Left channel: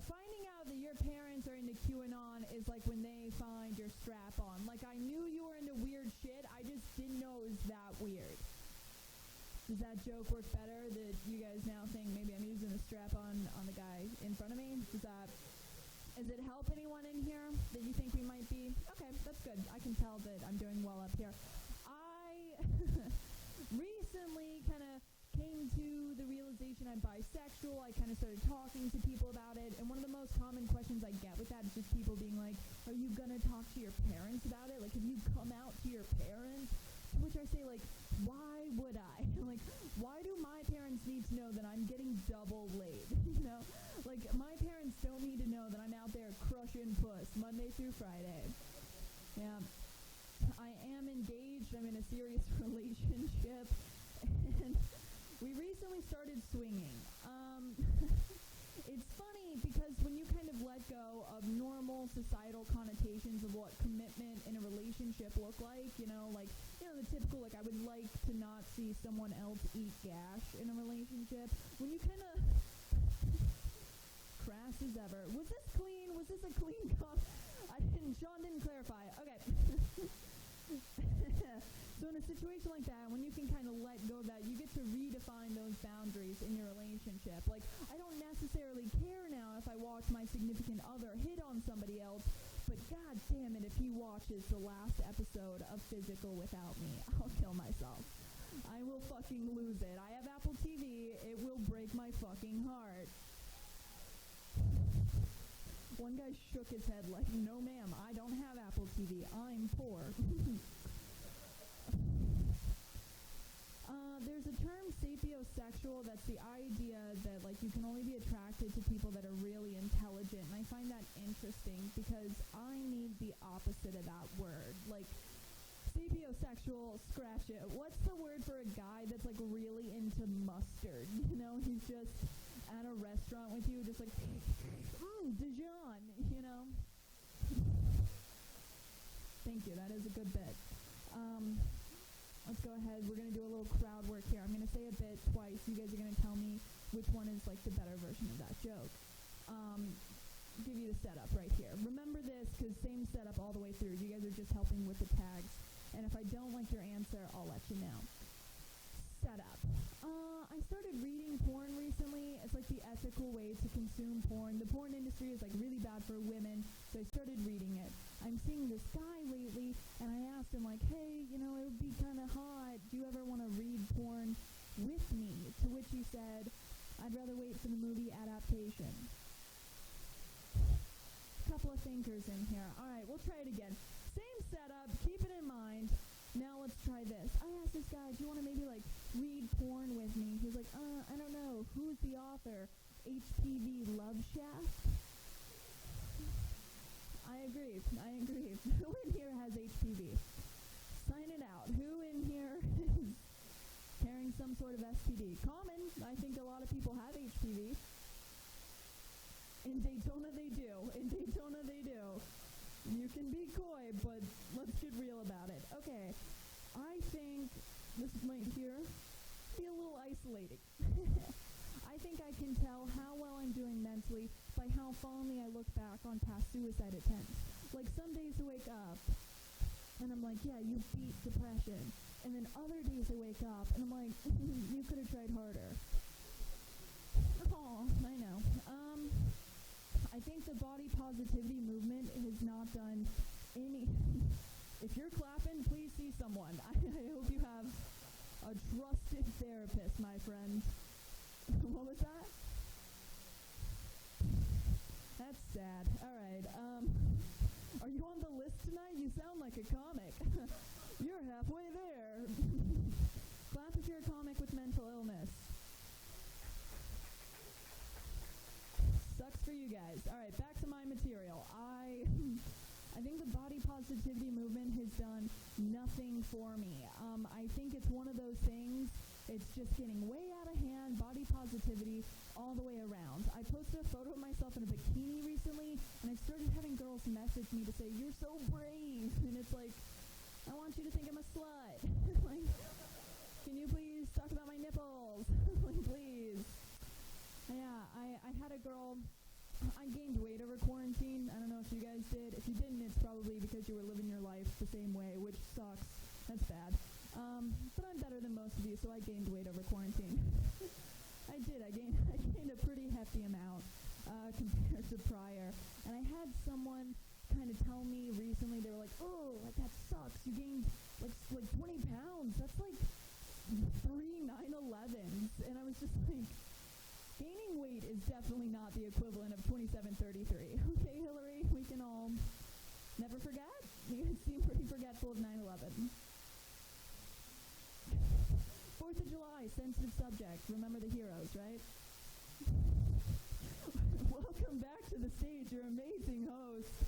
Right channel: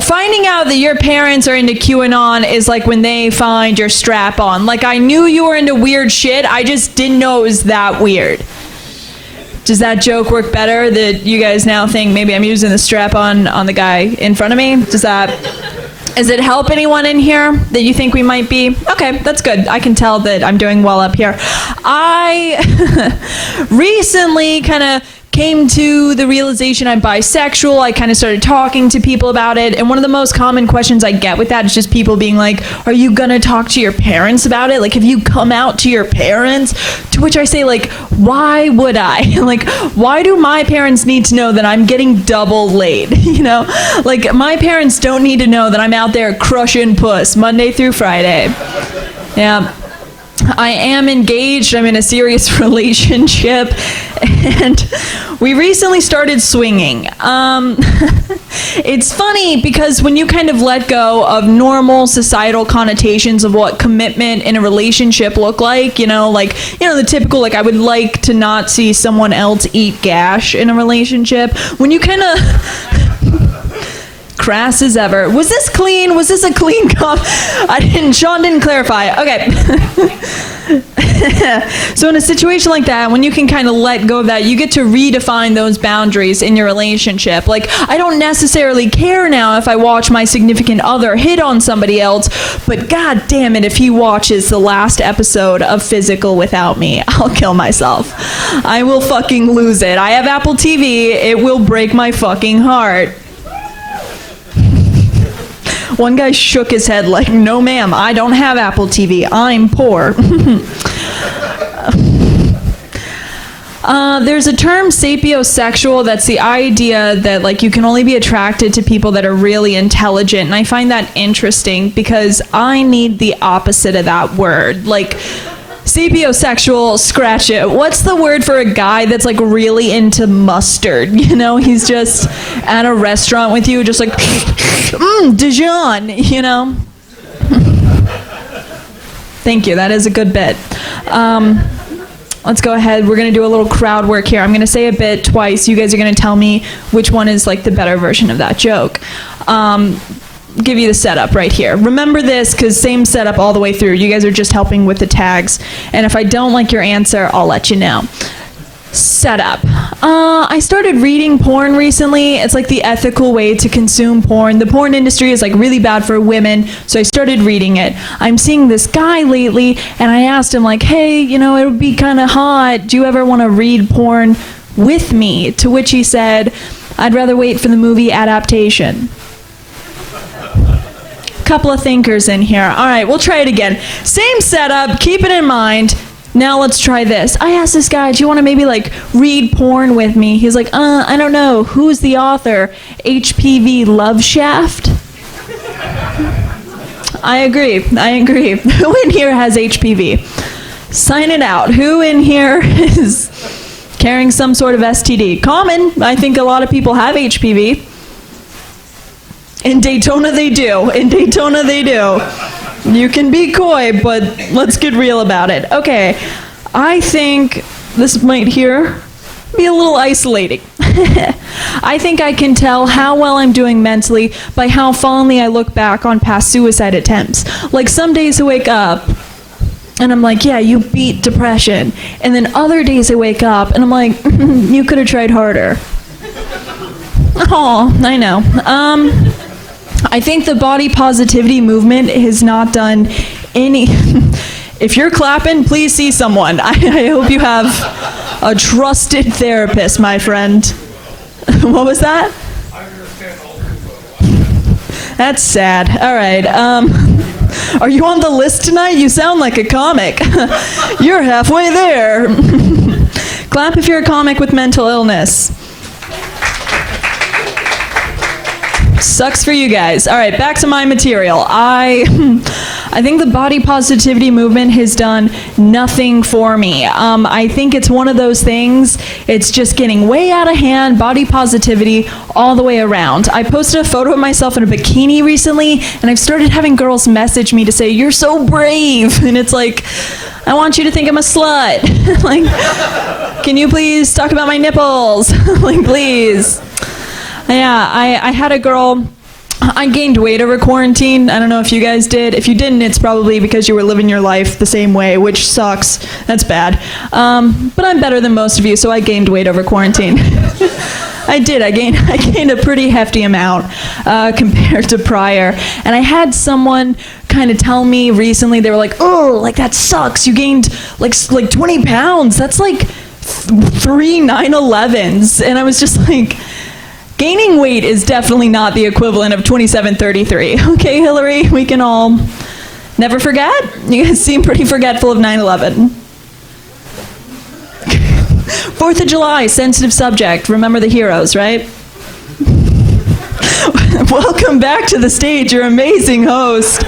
Finding out that your parents are into QAnon is like when they find your strap on. Like, I knew you were into weird shit, I just didn't know it was that weird. Does that joke work better, that you guys now think maybe I'm using the strap on the guy in front of me? Does it help anyone in here that you think we might be? Okay, that's good. I can tell that I'm doing well up here. I recently kind of came to the realization I'm bisexual. I kind of started talking to people about it, and one of the most common questions I get with that is just people being like, are you gonna talk to your parents about it? Like, have you come out to your parents? To which I say, like, why would I? Like, why do my parents need to know that I'm getting double laid? You know, like, my parents don't need to know that I'm out there crushing puss Monday through Friday. Yeah. I am engaged, I'm in a serious relationship, and we recently started swinging. It's funny because when you kind of let go of normal societal connotations of what commitment in a relationship look like, the typical, like, I would like to not see someone else eat gash in a relationship. When you kind of... crass as ever. Was this clean? Was this a clean cup? Sean didn't clarify. Okay. So in a situation like that, when you can kind of let go of that, you get to redefine those boundaries in your relationship. Like, I don't necessarily care now if I watch my significant other hit on somebody else, but god damn it, if he watches the last episode of Physical without me, I'll kill myself. I will fucking lose it. I have Apple TV. It will break my fucking heart. One guy shook his head like, no ma'am, I don't have Apple TV, I'm poor. There's a term, sapiosexual, that's the idea that, like, you can only be attracted to people that are really intelligent, and I find that interesting because I need the opposite of that word. Like, sapiosexual, scratch it. What's the word for a guy that's, like, really into mustard? You know, he's just at a restaurant with you, just like, Dijon, you know? Thank you, that is a good bit. Let's go ahead, we're gonna do a little crowd work here. I'm gonna say a bit twice. You guys are gonna tell me which one is, like, the better version of that joke. Give you the setup right here. Remember this, because same setup all the way through. You guys are just helping with the tags. And if I don't like your answer, I'll let you know. Setup. I started reading porn recently. It's like the ethical way to consume porn. The porn industry is, like, really bad for women, so I started reading it. I'm seeing this guy lately, and I asked him, like, hey, it would be kind of hot. Do you ever want to read porn with me? To which he said, I'd rather wait for the movie adaptation. Couple of thinkers in here. All right, we'll try it again. Same setup, keep it in mind. Now let's try this. I asked this guy, do you want to maybe, like, read porn with me? He's like, I don't know. Who's the author? HPV Love Shaft? I agree. Who in here has HPV? Sign it out. Who in here is carrying some sort of STD? Common. I think a lot of people have HPV. In Daytona they do. You can be coy, but let's get real about it. Okay, I think this might here be a little isolating. I think I can tell how well I'm doing mentally by how fondly I look back on past suicide attempts. Like, some days I wake up and I'm like, yeah, you beat depression. And then other days I wake up and I'm like, you could have tried harder. Oh, I know. I think the body positivity movement has not done any... If you're clapping, please see someone. I hope you have a trusted therapist, my friend. What was that? I understand all too well. That's sad. All right. Are you on the list tonight? You sound like a comic. You're halfway there. Clap if you're a comic with mental illness. Sucks for you guys. All right, back to my material. I think the body positivity movement has done nothing for me. I think it's one of those things, it's just getting way out of hand, body positivity all the way around. I posted a photo of myself in a bikini recently, and I've started having girls message me to say, you're so brave. And it's like, I want you to think I'm a slut. Like, can you please talk about my nipples? Like, please. Yeah, I had a girl I gained weight over quarantine. I don't know if you guys did. If you didn't, it's probably because you were living your life the same way, which sucks. That's bad. But I'm better than most of you, so I gained weight over quarantine. I did. I gained a pretty hefty amount compared to prior. And I had someone kind of tell me recently, they were like, oh, like that sucks. You gained like 20 pounds. That's like 3 9/11s. And I was just like, gaining weight is definitely not the equivalent of 2733. Okay, Hillary, we can all never forget. You guys seem pretty forgetful of 9/11. 4th of July, sensitive subject. Remember the heroes, right? Welcome back to the stage, your amazing host.